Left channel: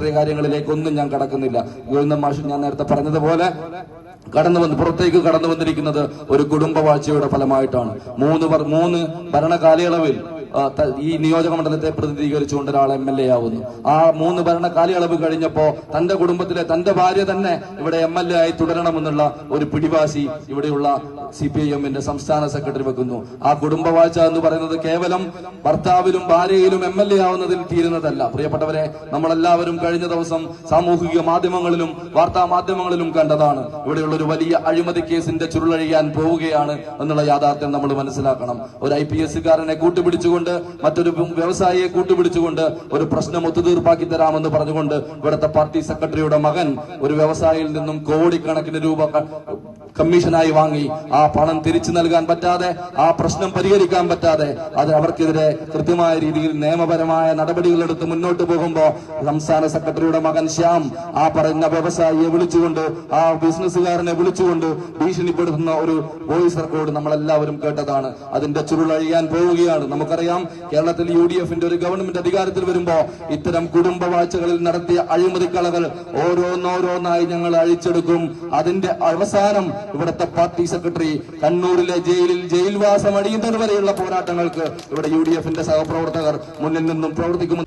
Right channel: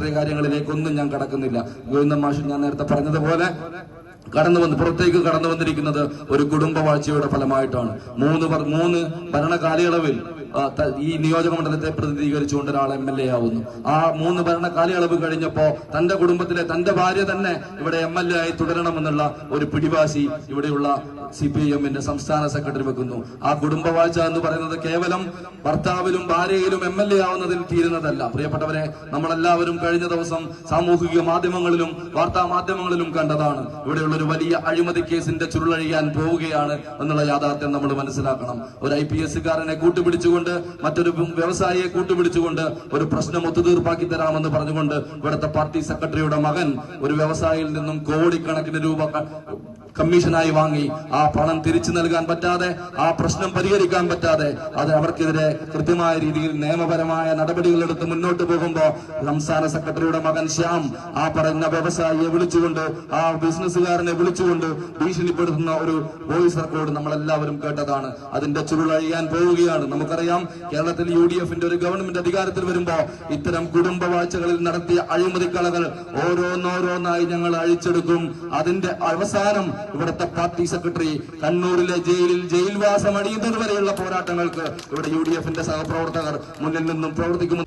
രാഷ്ട്രീയ കാര്യങ്ങളിലേക്കൊന്നും ഞാൻ കടക്കുന്നില്ല. ഗോവിന്ദൻ മാഷ് ഞാൻ നേരത്തെ പറഞ്ഞതുപോലെ പുറത്തേക്ക് കടന്നു വന്നിരിക്കുന്നത് ഒരു കുടുംബവാഴ്ചയുടെ ഫലമായിട്ടാണ്. മൂന്ന് ഭരണകാലയളവിൽ ഈ നിയോജക മണ്ഡലത്തെ പ്രതിനിധീകരിച്ചുകൊണ്ട് ഒരാൾ MLA ആവുന്നു. ആ 3 ഭരണ കാലയളവ് കഴിഞ്ഞപ്പോ തന്റെ കുടുംബത്തിലെ തന്റെ ഭാര്യ തന്നെ ഇവിടെ MLA ആയി തുടരണമെന്നുള്ള ഒരു പിടിവാശി ഇവിടെയുള്ള CPIM-ന്റെ സംസ്ഥാന സെക്രട്ടറി വെക്കുന്നു. ആ കുടുംബവാഴ്ച എന്ന് പറയുന്നത് കേവലം ഭർത്താവിലും ഭാര്യയിലും MLA ആവുന്നതിൽ തീരുന്നതല്ല. പ്രിയപ്പെട്ടവരെ, നമ്മളെല്ലാവരും കഴിഞ്ഞ ദിവസം സാമൂഹിക മാധ്യമങ്ങളിലും വാർത്താ മാധ്യമങ്ങളിലും കണ്ടതാണ്. ഇവിടെയുള്ള ഒരു വലിയ അഴിമതി കേസിന്റെ ചുരുളഴിയാൻ പോവുകയാണ് എന്നുള്ള യാഥാർത്ഥ്യം നമ്മൾ മനസ്സിലാക്കണം. ഒരു IPS-കാരനെ കൂട്ടുപിടിച്ചുകൊണ്ട് മറ്റൊരു വ്യവസായിയെ കൂട്ടുപിടിച്ചുകൊണ്ട് ഒരു പ്രശ്നം ഒത്തുതീർപ്പാക്കി തരാമെന്ന് പറഞ്ഞുകൊണ്ട് ഇവിടുത്തെ പാർട്ടി സെക്രട്ടറിയുടെ മകൻ ഒരു വ്യവസായിയിൽ നിന്നും കോടിക്കണക്കിന് രൂപ കമ്മീഷനായി വാങ്ങി ആ പണം തിരിച്ചു നൽകാൻ പറ്റാതെ, ആ പ്രശ്നം പരിഹരിക്കാൻ പറ്റാതെ, അത് അവർക്കെതിരെ കൃത്യമായ രീതിയിൽ നിയമപരമായ നടപടികൾ എടുത്ത് മുന്നോട്ട് പോകുമ്പോൾ സംസ്ഥാന സെക്രട്ടറിയുടെ മകൻ ശ്യാം ആ പറയുന്ന വ്യവസായിയെ വിളിച്ചുകൊണ്ട്, ആ ബിസിനസ്സുകാരനെ വിളിച്ചുകൊണ്ട് ഭീഷണിപ്പെടുത്തുന്ന ഒരു വോയിസ് റെക്കോർഡ് നമ്മളെല്ലാവരും കേട്ടതാണ്. അതിന്റെ ചുരുളഴിയാൻ പോവുകയാണ്. നമുക്കറിയാം, കേരളത്തിൽ UDF-ന്റെ ഒരു ഗവൺമെന്റ് അധികാരത്തിൽ വരുമ്പോ ഇത്തരം കുടുംബവാഴ്ചകളിൽ നടത്തിയ അഴിമതിക്കളകൾ ഓരോന്നോരോന്നായി ഞങ്ങൾ അഴിച്ചെടുക്കും. അതിന്റെ അവസാനം ഇവിടുത്തെ പാർട്ടി സെക്രട്ടറി കണ്ണൂരിലെ ജയിലിൽ ജയിൽവാസം അടിയുന്നത് വരെയുള്ള പോരാട്ടങ്ങൾക്ക് ഇവിടെ UDF-ന്റെ സഹപ്രവർത്തകർ മുന്നിൽ നിന്നും പ്രവർത്തിക്കും.